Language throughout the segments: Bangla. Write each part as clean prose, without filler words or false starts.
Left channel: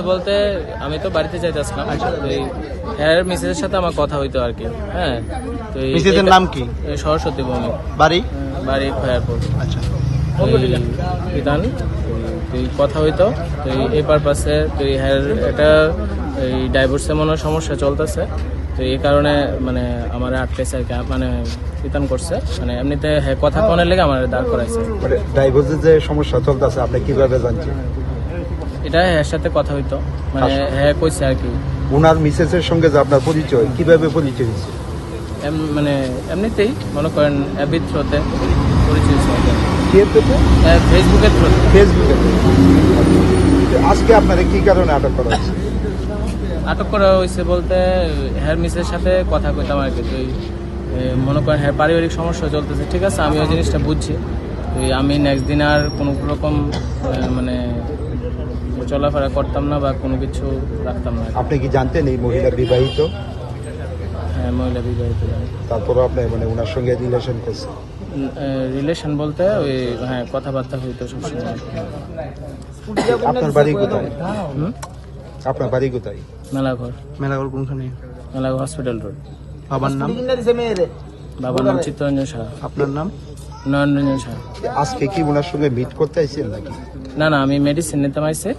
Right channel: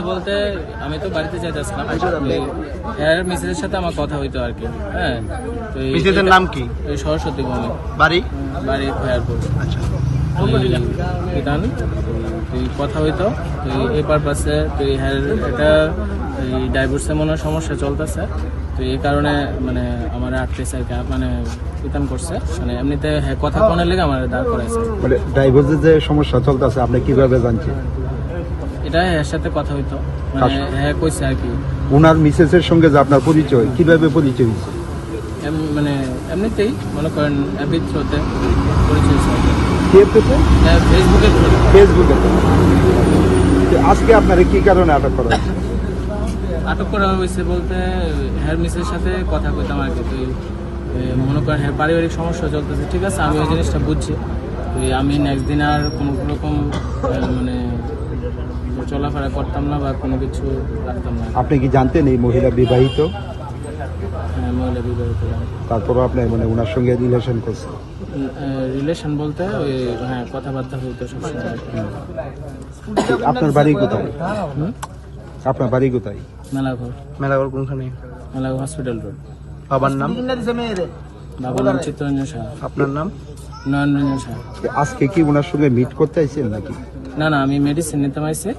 হয়েছে বলতে আমি তো বাড়িতে যাইতেছিলাম, মিসেসের সাথে আমার কথা হইতো আর কি। হ্যাঁ, তো মিসেসের নাম কি? এই সরস্বতী ভৌমিক, বাড়ি বাড়ি খয়ারপুর। আচ্ছা, বিধান তুই কথা হইতো, তুই এই পারপাসে তুই হ্যাঁ এটা এই ডাইভোর্সে মনে হয় সমস্যা চলতেছে, তো এই কারণে মানে আমার আটকেছে আর কি, মানে বিধান করছে, মানে এমনিতে হ্যাঁ কথা কোনের লেগে আমার দাঁড় করাইছে। ডাইভোর্সের যে সমস্যা চলতেছে আপনি কিভাবে জানছেন? এটা হ্যাঁ সাথে কথা হইতো, মানে হ্যাঁ কইছে আর কি। ওনার মিসেসের সঙ্গে যে আপনার পরিচয়, কিভাবে পরিচয় হয়েছে? মানে এমনিতেই মনে করেন অ্যাবির থ্রুতে পরিচয় হয়েছে। ফেসবুকের থ্রু। ফেসবুকে। আজকে আপনারা কি কারণে আটক করা হয়েছে? আটক করা হয়েছে বলতে হ্যার মিসের সাথে কথা কইতাম আর কি। তুই মনে করেন হ্যাঁ পারিবারিক সমস্যা চলতেছে, ঠিক আছে, আমি ওই জিনিসটা বুঝছি। তুই আমি নেক্সট দিন আর কোনো রকম মানে চলাফেরা করতাম না বা কোনো কিছু রাখতাম না। আপনি কি জানতেন এই মহিলা বিবাহিত? হ্যাঁ, মহিলা বিবাহিত। তারপরও আপনি মানে ওনার সঙ্গে রিলেশন করছেন? রিলেশন বলতে ওই হ্যাঁ কথাবার্তা হইতো সবসময়। আপনার বাড়ি কোথায়? আপনার বাড়ি কোথায়? মেলাঘর। মেলাঘর কোনখানে? Melaghar hospital road. বাবার নাম? বাবার নাম চিত্তরঞ্জন সাহা। আপনার নাম? নয়নরঞ্জন সাহা। আজকে কি ওনার সঙ্গে মিট করতে আইছেন নাকি? না না, আমি মেডিসিন নিতে আইছে,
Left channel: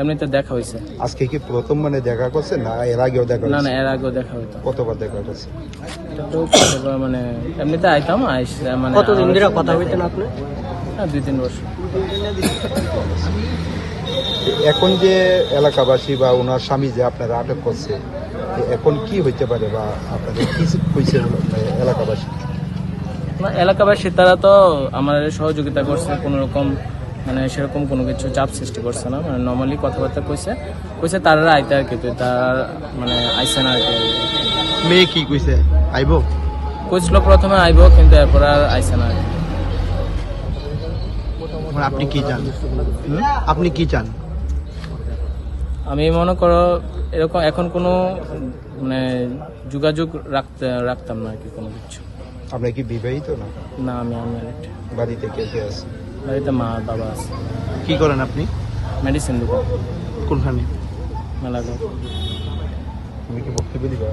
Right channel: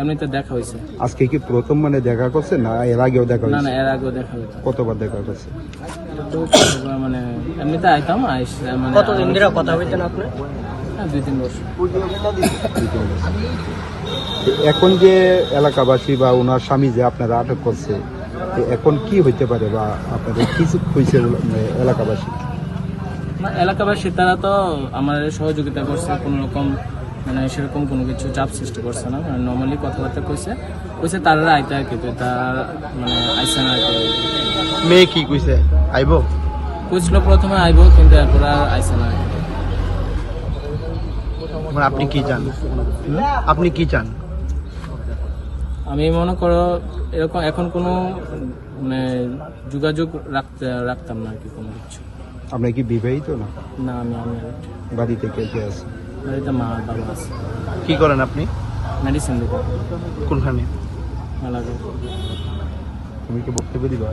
এমনিতে দেখা হয়েছে। আজকে কি প্রথম মানে দেখা করছেন না এর আগেও দেখা না না, হয়েছে? এর আগেও দেখা হইতো। কতবার দেখা করছে? তো মানে এমনিতে আইতাম মানে কতদিন ধরে কথা হইতেন আপনি? হ্যাঁ, 2-3 বছর। এখন যে এলাকাবাসী বা ওনার স্বামী যে আপনারা আটক করছে, এখন কি হইতে পারে বা আপনাদের কি হয়েছে এলাকাবাসী? না, এলাকাবাসী তারা তো আমার সহযোগিতা করছে, কোনো রকম মানে সেরকম কোনো কিছু চাপ সৃষ্টি করছে না, মানে নর্মালি কথাবার্তা কইছে তারা আইতে আর কি। তার মানে আইসে না আর কি। মেয়ে কি কইছে? আইবো কইছিল প্রথমে আইবো, কিন্তু এরপর আর আইসে না। আপনি কি চান? আপনি কি চান? আমি মনে করো এরকম এখন কোনো মানে যোগাযোগ রাখতাম না আর কি কোনো কিছু। আপনি কি বিবাহিত না? না, আমি আনম্যারিড। বাড়িতে কে কে আছে? বাড়িতে মা বাবা আছে। কি করেন আপনি? মেডিসিন দিতে। কোনখানে? মেলাঘর। তুমি কি বক্তব্য দিবা?